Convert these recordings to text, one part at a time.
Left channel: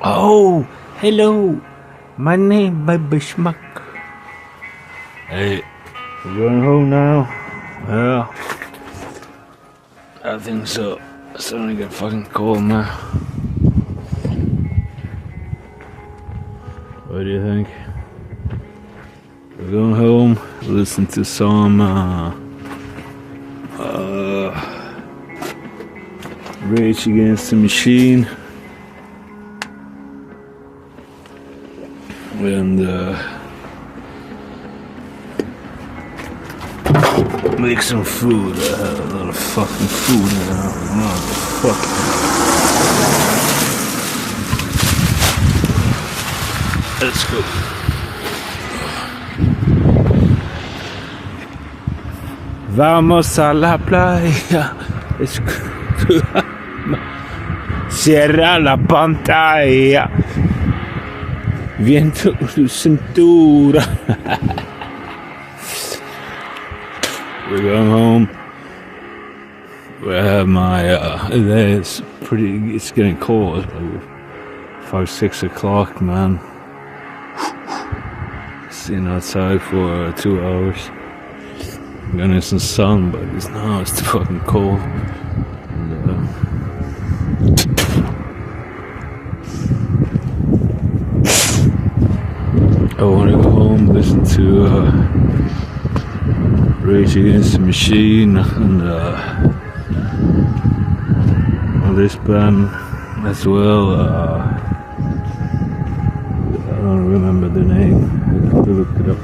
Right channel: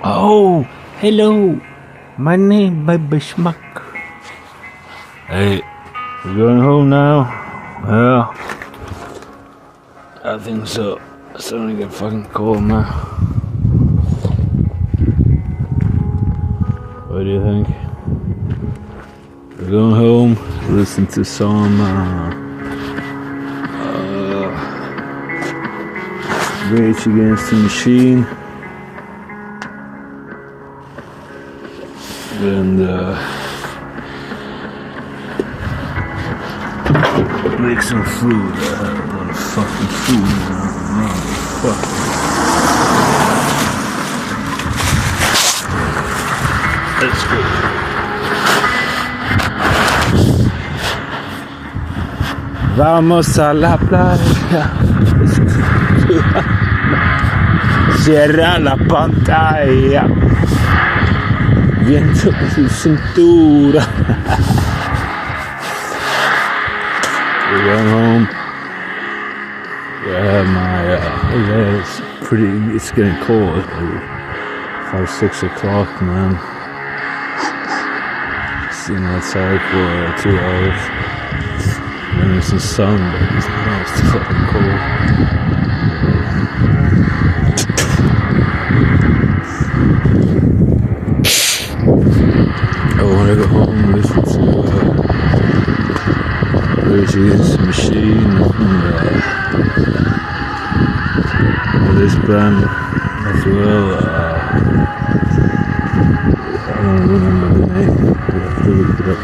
Oh, hello. My name BabySmack. Hey, we're going home now? Well, I think so. It's starting to get fucking cold, man. What do you think? We're going home, listen to some Rage Against the Machine. And make some food. A little fucking food now. Motherfucker. That's good. Vamos a la playa. Cierra la pantalla. Viento su cintura. We're going home. I have my, it's getting cold. Like 5, 6 o'clock, man. Sitting outside for 2 hours. Then it's the sun, but now it's fucking cold. I want to go home and listen to Rage Against the Machine and all this band as well. I don't remember the name. I have to look it up.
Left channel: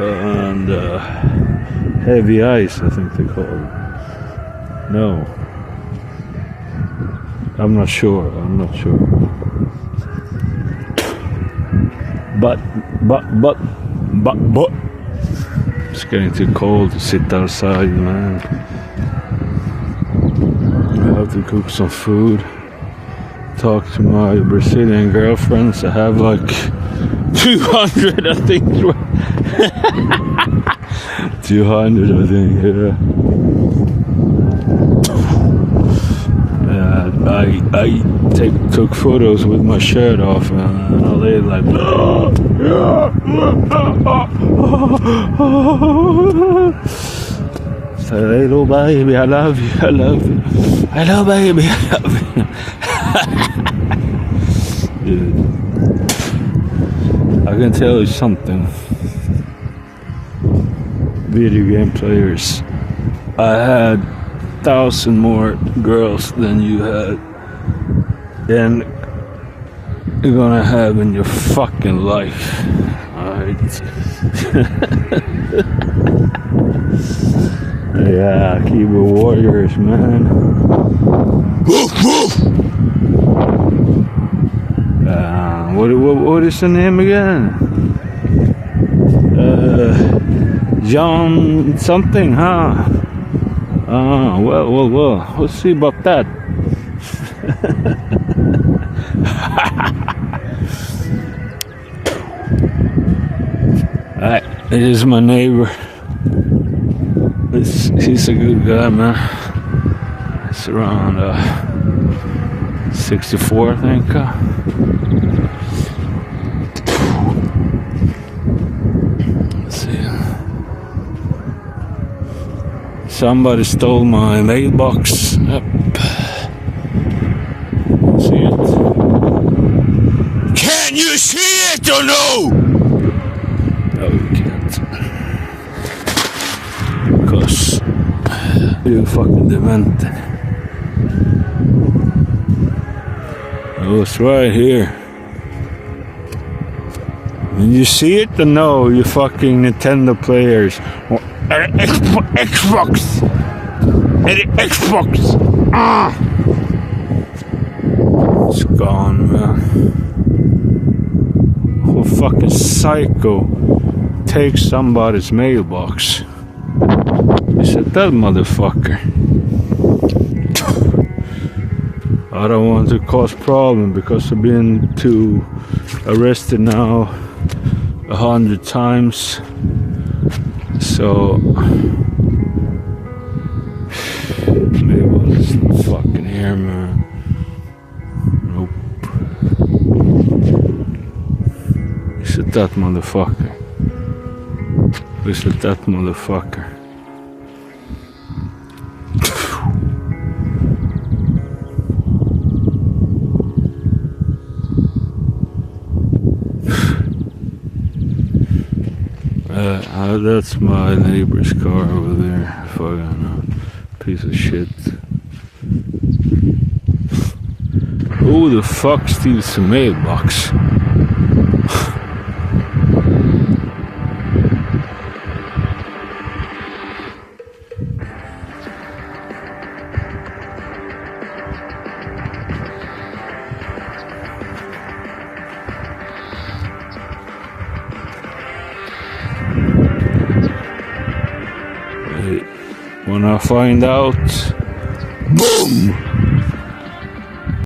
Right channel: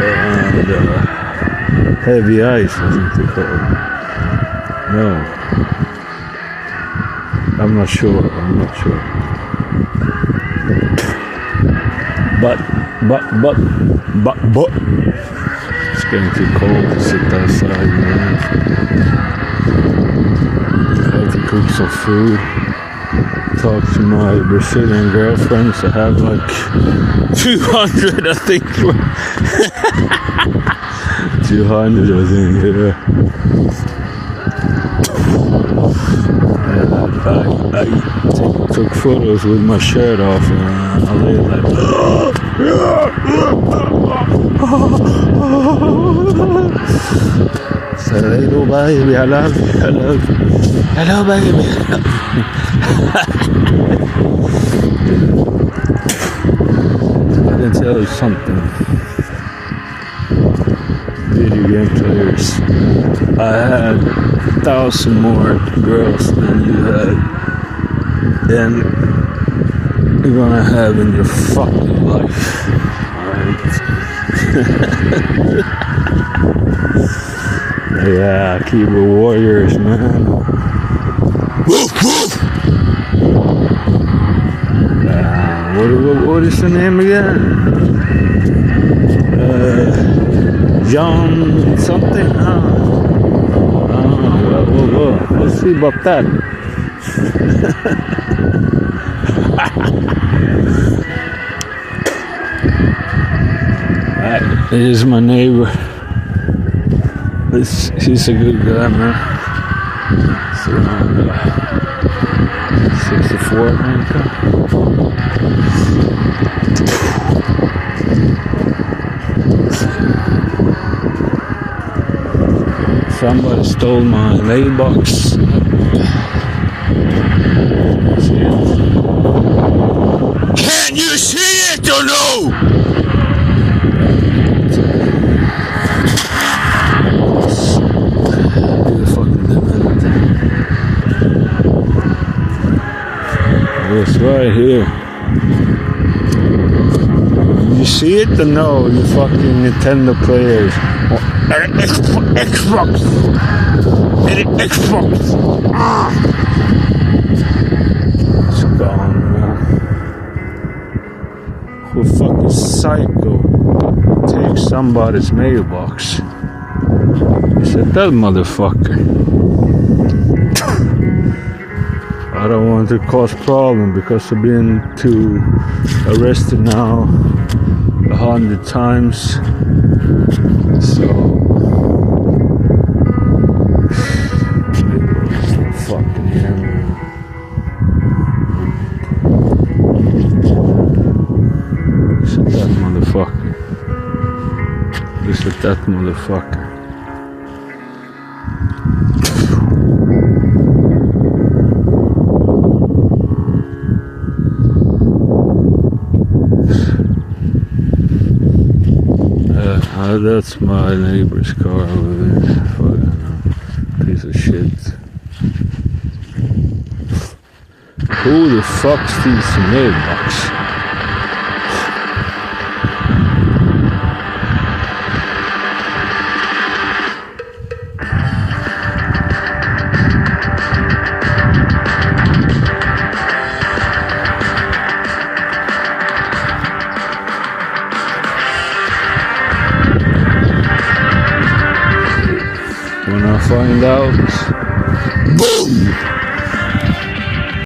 And Heavy Ice, I think they call it. No, I'm not sure. But it's getting too cold to sit outside, man. I have to cook some food. Talk to my Brazilian girlfriends. I have like 200, I think. 200, I think, yeah. I took photos with my shirt off and I lay like say, hello baby, I love you, hello baby, I can tell you something, video game players, I had 1,000 more girls than you had, than you're gonna have in your fucking life. Alright. Yeah, keyboard warriors, man. What is the name again? John something, huh? Well, let's see about that. It is my neighbor. He's a good guy, man. It's around 64, I think. Somebody stole my mailbox. Can you see it or no? Because you're fucking demented. It's right here. You see it or no, you fucking Nintendo players? Xbox. It's gone, man. Who fucking psycho takes somebody's mailbox? I said, that motherfucker. I don't want to cause problem because I've been arrested now 100 times. So fucking hear me. that motherfucker. Look at that motherfucker. That's my neighbor's car over there. Fucking piece of shit. Who the fuck steals some mailbox? When I find out, boom!